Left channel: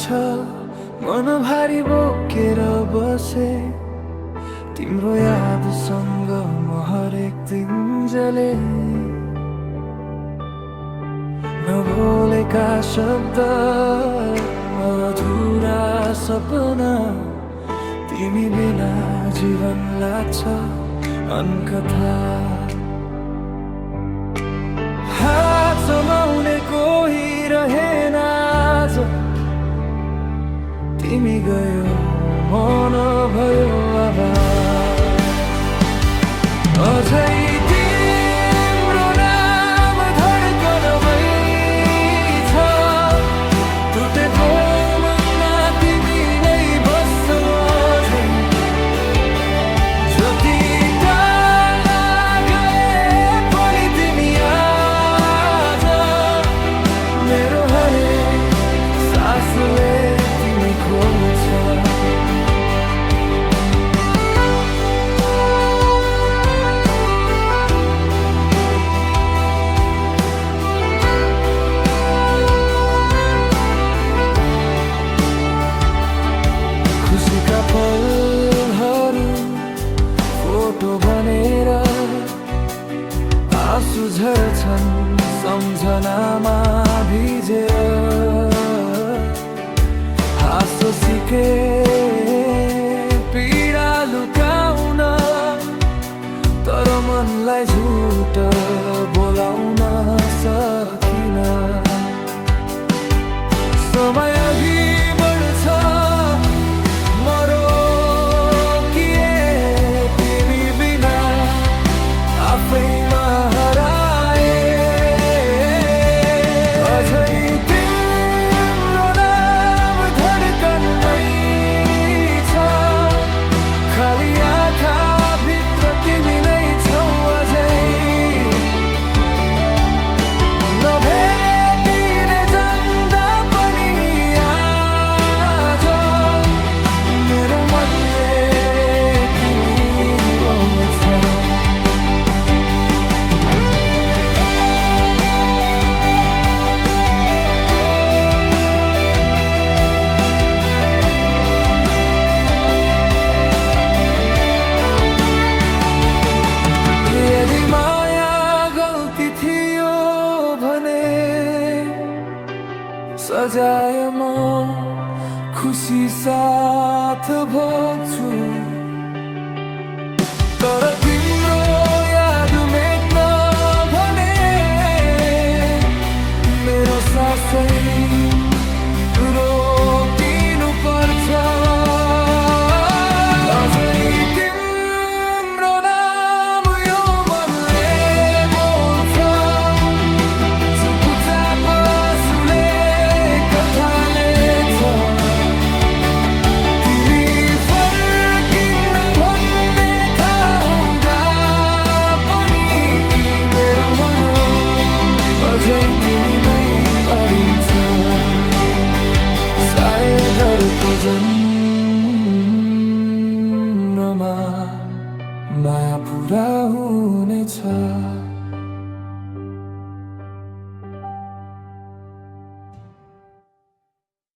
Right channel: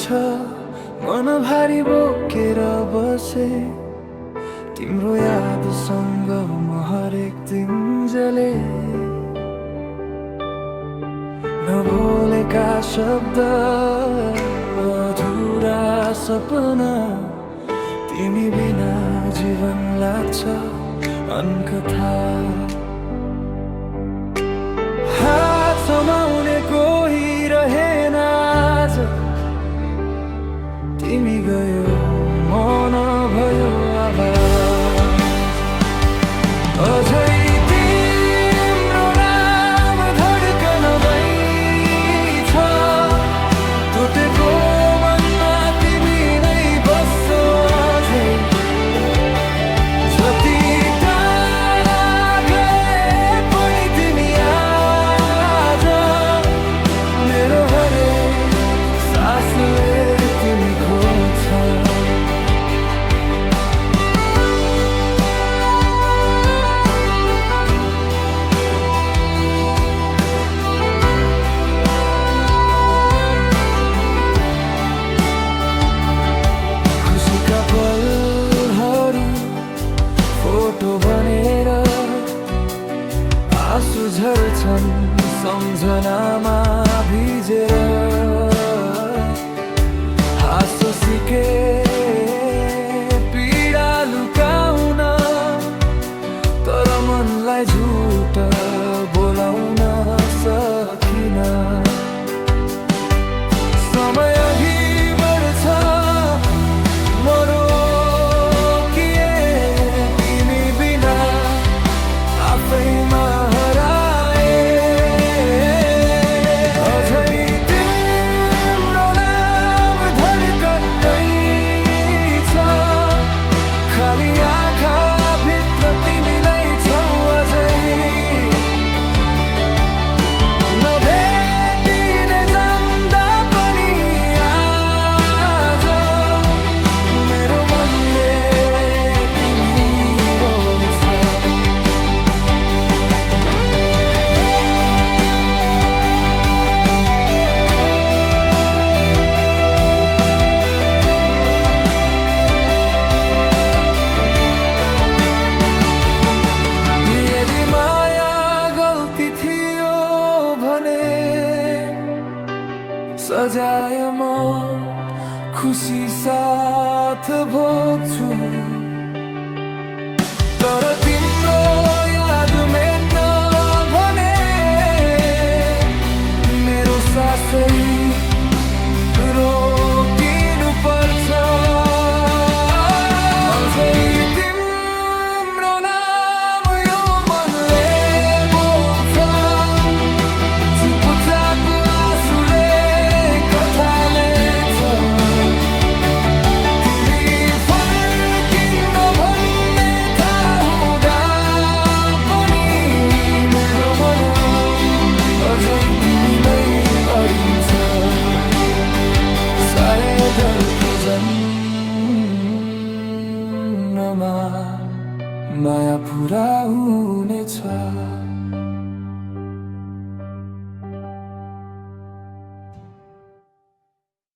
छ मन भारी बोकेर बसे तिम्रो यादसँग म हरेक दिन जले नबोलेका शब्द अधुरा सपना तिमी बिना जीवन लाग्छ अनकथा हात समाउने कोही रहेन आज तिमी गयो मन भयो आवाज अझै तिम्रो नाम धड्कनमै छ टुटेको मनमा तिमी नै बस्छौ अझै जति टाढा गए पनि तिमी आज मेरो हरेक सासले तिमी खोज्छ खुसीका पलहरू फोटो बनेर आँसु झर्छन् सम्झनामा भिजेर हाँसो सिके पीडा लुकाउन तर मनलाई झुट बोलाउन सकिन समय अघि बढ्छ म रोकिए तिमी बिना आफैमा हराए अझै तिम्रो नाम धड्कनमै छ खाली आँखा भित्र तिमी नै छौ अझै नभेटिने जान्दा पनि आज मेरो मनले तिमी रोज्छ यदि माया गल्ती थियो भने सजाय म खुसी साथ भोग्छु तर तिम्रो याद मेट्न भने मेरो सासै रोकिनु पर्छ अझै तिम्रो नाम यो मनले बोल्छ चुपचाप आँसुले कथा लेख्छ तिमी फर्किन्न भन्ने थाहा हुँदा पनि मेरो मन अझै तिमीमै अडिन्छ सायद अर्को जन्ममा माया पुरा हुनेछ।